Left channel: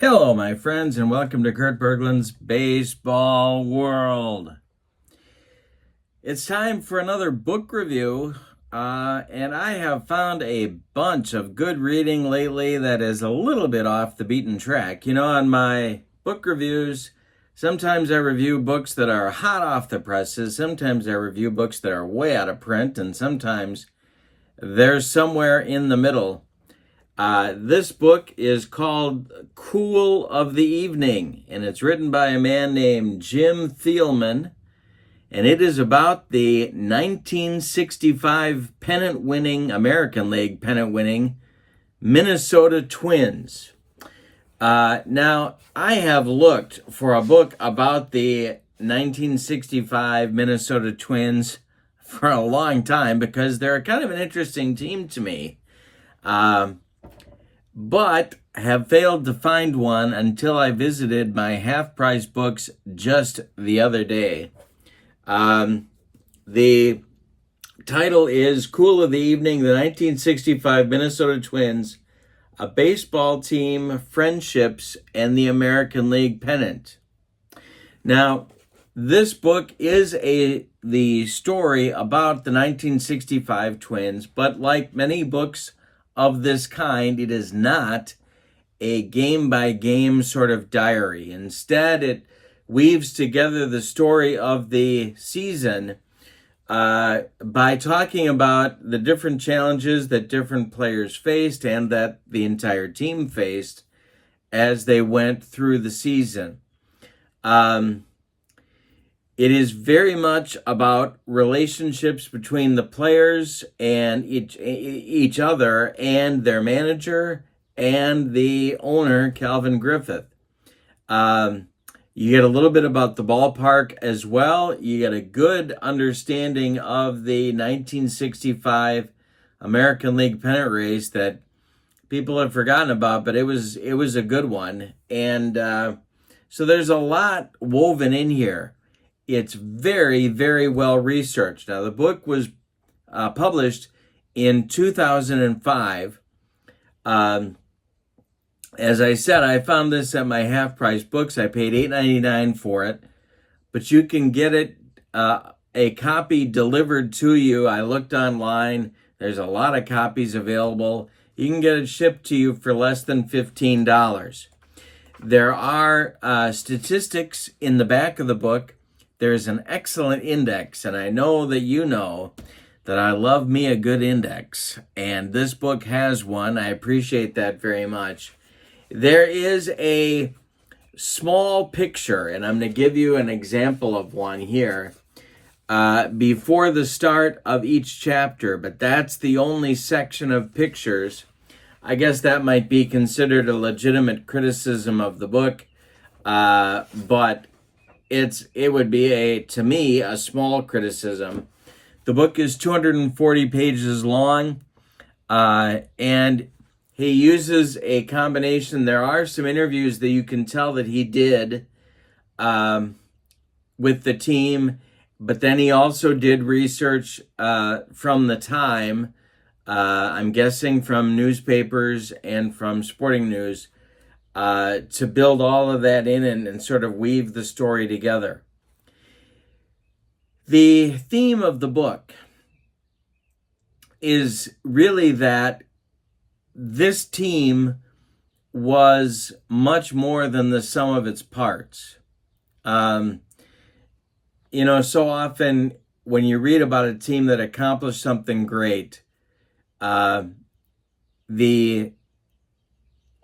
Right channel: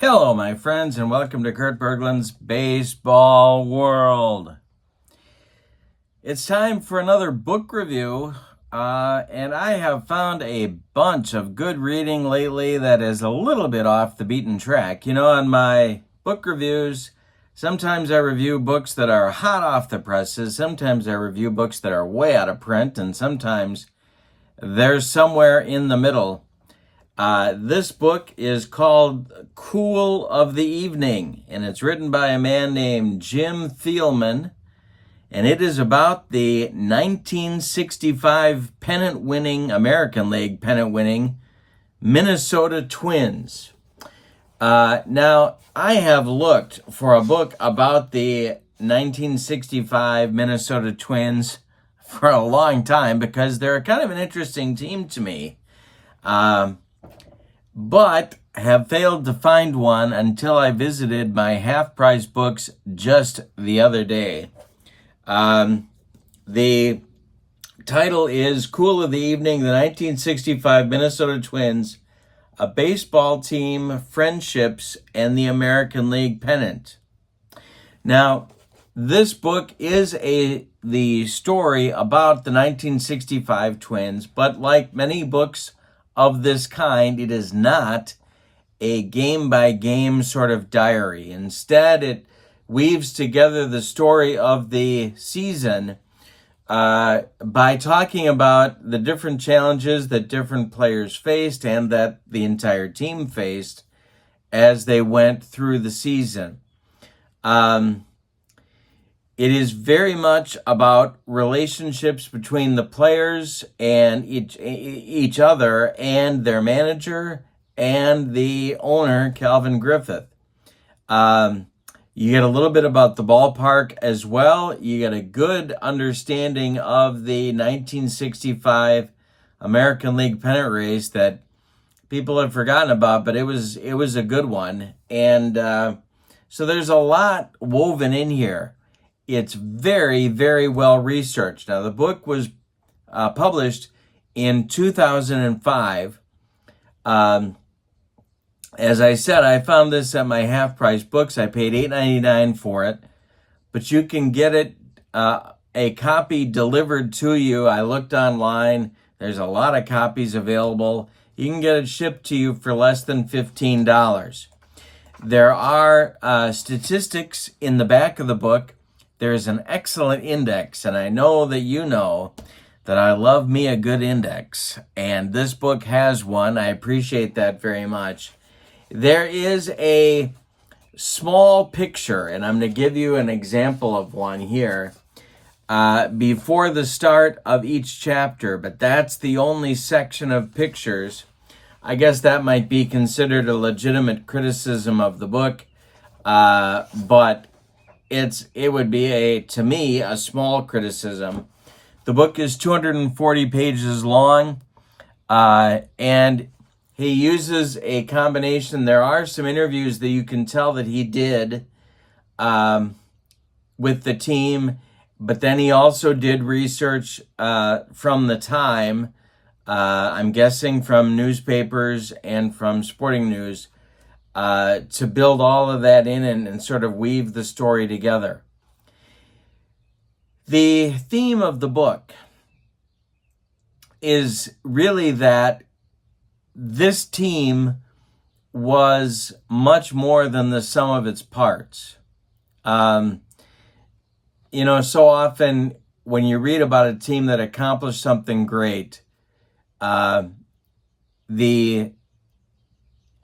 Hello, my friends, and welcome to Kurt Bergland's Baseball World. It's time for another book review, and I have found a bunch of good reading lately that is a little bit off the beaten track. On my book reviews, sometimes I review books that are hot off the presses, sometimes I review books that are way out of print, and sometimes they're somewhere in the middle. This book is called Cool of the Evening, and it's written by a man named Jim Thielman, and it is about the 1965 American League pennant-winning Minnesota Twins. Now, I have looked for a book about the 1965 Minnesota Twins for a long time because they're kind of an interesting team to me. But have failed to find one until I visited my half-price books just the other day. The title is Cool of the Evening, the 1965 Minnesota Twins, a baseball team, friendships, and the American League pennant. Now, this book is the story about the 1965 Twins, but like many books of this kind, it is not a game-by-game sort of diary. Instead, it weaves together the story of the season by talking about the different challenges that different players faced and that the entire team faced as they went through the season. It is very much about relationships between the players and each other and their manager and the owner, Calvin Griffith. You get a little bit about the ballpark as well. You get a good understanding of the 1965 American League pennant race that people have forgotten about, but it was a good one. And so there's a lot woven in here. It's very, very well researched. Now, the book was published in 2005. As I said, I found this at my half-price books. I paid $8.99 for it, but you can get it, a copy delivered to you. I looked online. There's a lot of copies available. You can get it shipped to you for less than $15. There are statistics in the back of the book. There's an excellent index, and I know that you know that I love me a good index, and this book has one. I appreciate that very much. There is a small picture, and I'm going to give you an example of one here before the start of each chapter, but that's the only section of pictures. I guess that might be considered a legitimate criticism of the book, but it would be to me a small criticism. The book is 240 pages long, and he uses a combination. There are some interviews that you can tell that he did with the team, but then he also did research from the time, I'm guessing from newspapers and from sporting news, to build all of that in and sort of weave the story together. The theme of the book is really that this team was much more than the sum of its parts. So often when you read about a team that accomplished something great, the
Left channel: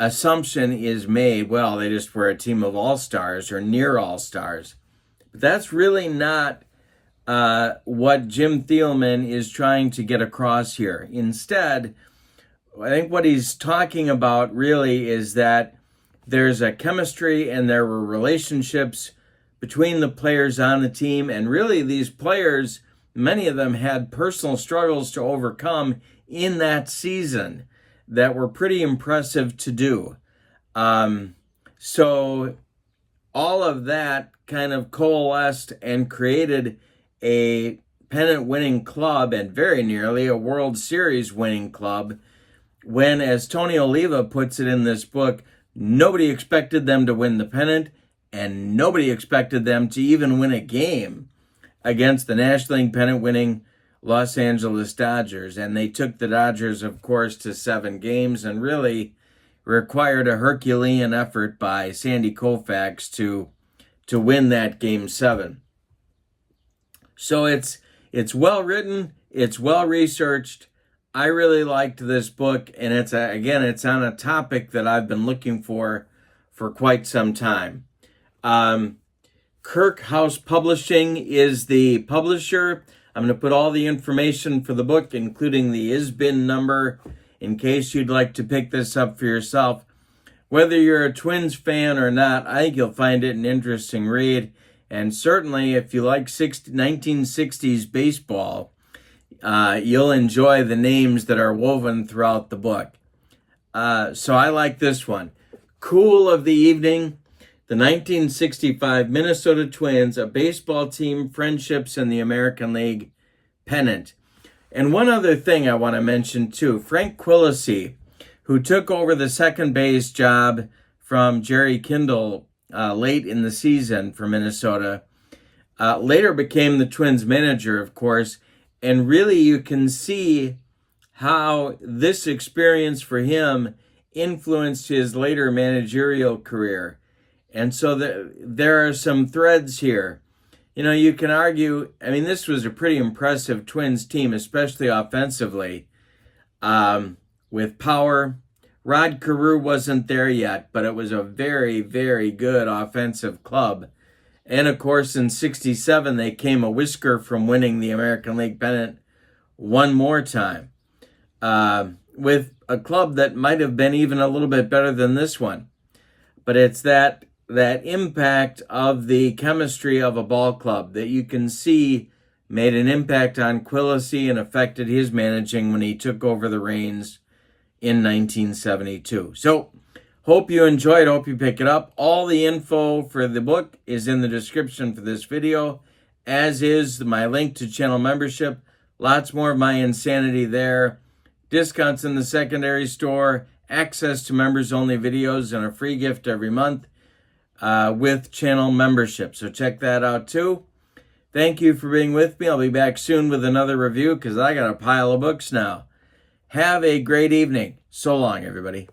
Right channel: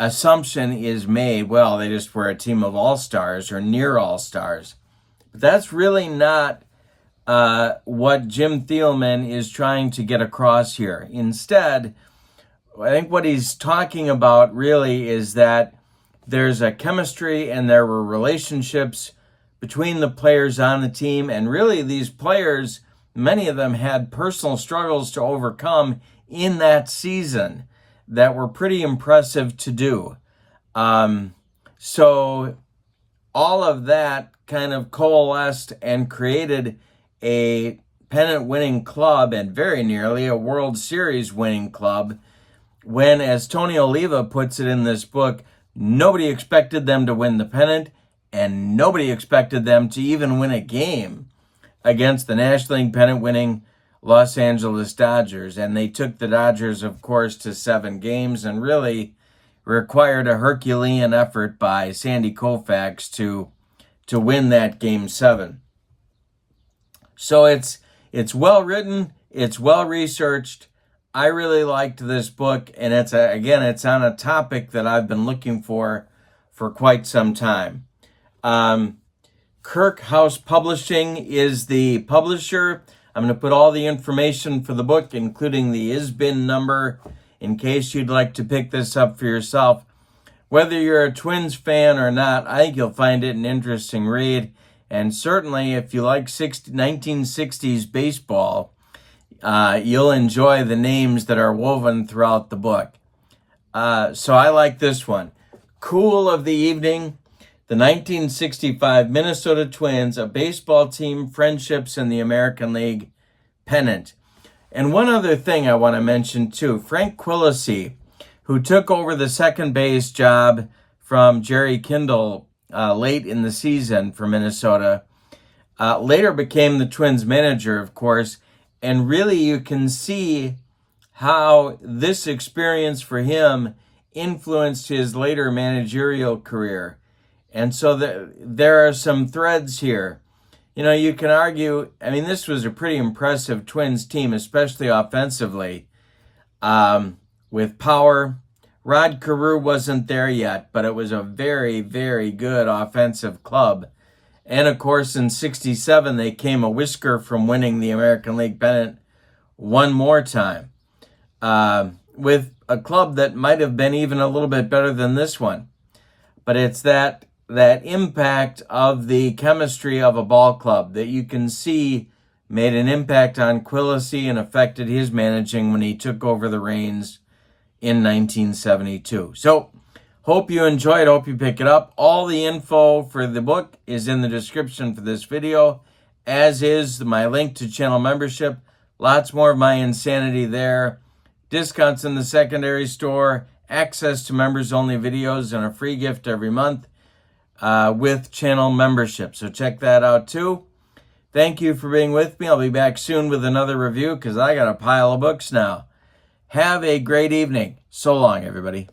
assumption is made, well, they just were a team of all-stars or near all-stars. But that's really not what Jim Thielman is trying to get across here. Instead, I think what he's talking about really is that there's a chemistry and there were relationships between the players on the team. And really these players, many of them had personal struggles to overcome in that season that were pretty impressive to do. So all of that kind of coalesced and created a pennant-winning club and very nearly a World Series winning club when, as Tony Oliva puts it in this book, Nobody expected them to win the pennant, and nobody expected them to even win a game against the National League pennant-winning Los Angeles Dodgers. And they took the Dodgers, of course, to 7 games and really required a Herculean effort by Sandy Koufax to win that Game 7. So it's well written, it's well researched. I really liked this book, and it's on a topic that I've been looking for quite some time. Kirk House Publishing is the publisher. I'm going to put all the information for the book, including the ISBN number, in case you'd like to pick this up for yourself. Whether you're a Twins fan or not, I think you'll find it an interesting read. And certainly, if you like 1960s baseball, you'll enjoy the names that are woven throughout the book. So I like this one. Cool of the Evening, the 1965 Minnesota Twins, a baseball team, friendships, in the American League pennant. And one other thing I want to mention too, Frank Quilisi, who took over the second base job from Jerry Kindle late in the season for Minnesota, later became the Twins manager, of course. And really, you can see how this experience for him influenced his later managerial career. And so there are some threads here. You know, you can argue, I mean, this was a pretty impressive Twins team, especially offensively, with power. Rod Carew wasn't there yet, but it was a very, very good offensive club. And of course, in '67, they came a whisker from winning the American League pennant one more time, with a club that might have been even a little bit better than this one. But it's that impact of the chemistry of a ball club that you can see made an impact on Quilisi and affected his managing when he took over the reins in 1972. So, hope you enjoy it. Hope you pick it up. All the info for the book is in the description for this video, as is my link to channel membership. Lots more of my insanity there. Discounts in the secondary store, access to members-only videos, and a free gift every month with channel membership. So check that out too. Thank you for being with me. I'll be back soon with another review because I got a pile of books now. Have a great evening. So long, everybody.